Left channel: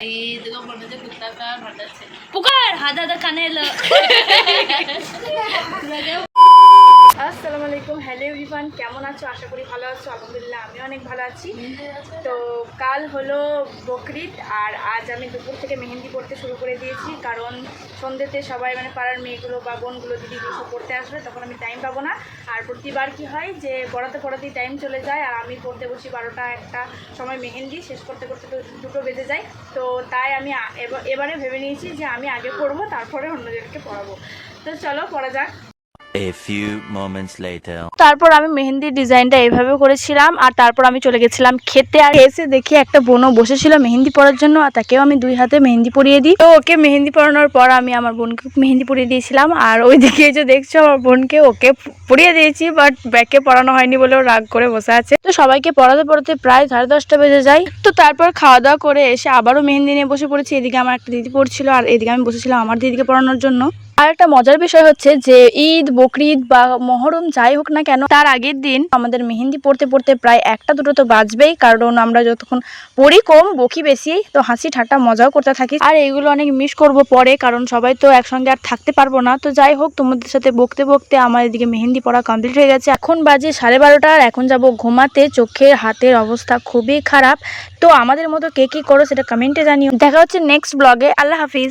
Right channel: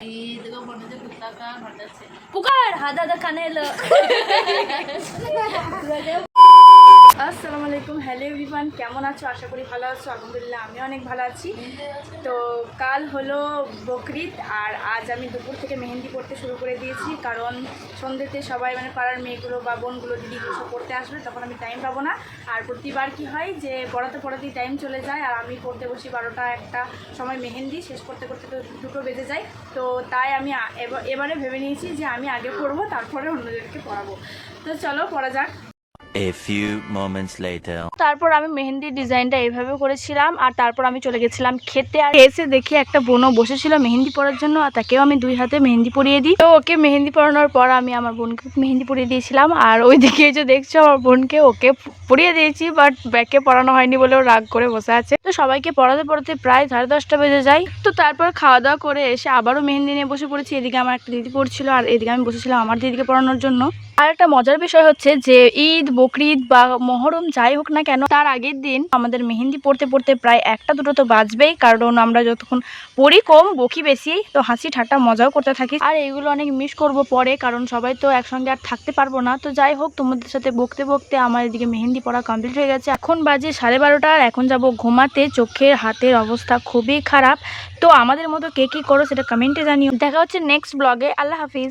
ఇదిగో మొన్న కుత్తాక పడ్డచ్చు పుకార్ হাদা কানেল আসসালামু আলাইকুম। হ্যালো এভরিওয়ান, কেমন আছো? আশা করি ভালো আছো। আলহামদুলিল্লাহ আমি অনেক ভালো আছি। তো কাল হলো বকরিদ আর আজ আমি দুপুর থেকে মেহেন্দি পড়তে শুরু করে দিয়েছি, কারণ সন্ধ্যেতে সবাই মানে পাড়ার মেয়েগুলো বা বোনগুলো দিদিগুলো সব পড়তে আসবে, তখন আমি টাইম পাবো না। আর প্রতিবার কি হয় যে পড়াতে পড়াতেই টাইম চলে যায় আর আমি পড়তে বসি 12টা একটা সময়, মেহেন্দি শেষ করতে করতে তো 2টো বেজে যায়। তো তাই আমি এবারে ভেবে নিয়েছি যে আমি আগে পড়বো, তারপরে অন্যদেরকে পড়াবো। তো চলো পড়া যাক। A few moments later. তারপর আমি মেহেন্দির ডিজাইনটা এইভাবে করেছিলাম আর তারপর আমি চলে গেছিলাম খেতে। আর এসে দেখি একটা বোনও বসেছিল মেহেন্দি পরার জন্য, আর তাকেও আমি 2 হাতে মেহেন্দি পরিয়ে দিই। তো ওকে মেহেন্দি পরানোর পর আমি আমার বোনকে মেহেন্দি পরিয়ে দিয়েছিলাম। আর ওইদিকে যে দেখছো আমার বোনকে ওকে পরিয়ে দিয়েছি, বাট ব্যাকে পরানো হয়নি বলে ও রাগ করে বসে আছে। তো সবাইকে পড়াতে পড়াতে প্রায় 10:30 বেজে যায়। তো তারপর খাওয়া দাওয়া করে এসে আবারও মেহেন্দি নিয়ে বসে পড়েছি। এদিকে আমার একটা দিদি পড়ছিল আর এদিকে আমি বসেছিলাম আমার দিদিকে পড়ানোর জন্য। আর একটা মজার বিষয় হচ্ছে যে ঈদ, বকরিদ বা মহরম যাই হোক না কেন, তার আগের দিন আমাদের মেহেন্দি পড়তে পড়তে প্রায় 1টা 2টো তো বাজবেই, কারণ আমরা যতক্ষণ পড়ি কম বকি বেশি, তো হাসি ঠাট্টা মজাও করতে থাকি। আর এইগুলো অনেক মিস করব পরে, কারণ সবাই তো একসঙ্গে আর থাকতে পারবো না। তো যাই হোক, তোমাদের সাথে বকতে বকতে আমার এদিকে মেহেন্দি পড়া কমপ্লিট হয়ে গেছে। এখন বাজে 12:30 আর এখন যাব ঘুমাতে। চোখের হাতের অবস্থা খুবই খারাপ। তো আমাদের মতো কে কী করো সেটা কমেন্টে জানিও। দেখা হচ্ছে নেক্সট ব্লগে। আল্লাহ হাফিজ।